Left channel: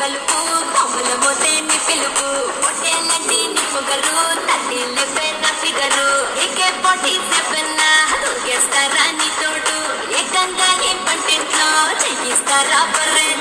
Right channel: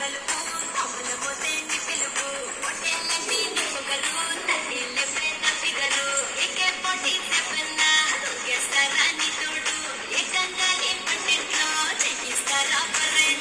పలుపు బొమ్మల మోతేని పిలుపు పొట్టేలంటి నీ పొగరు తల్లి పెన్న ఫిగరు ఏకే 47 దూకేస్తారా నీ తోడు ఏకంగా నీ పంటింట్లో చెయ్యిస్తారా పర్రెడు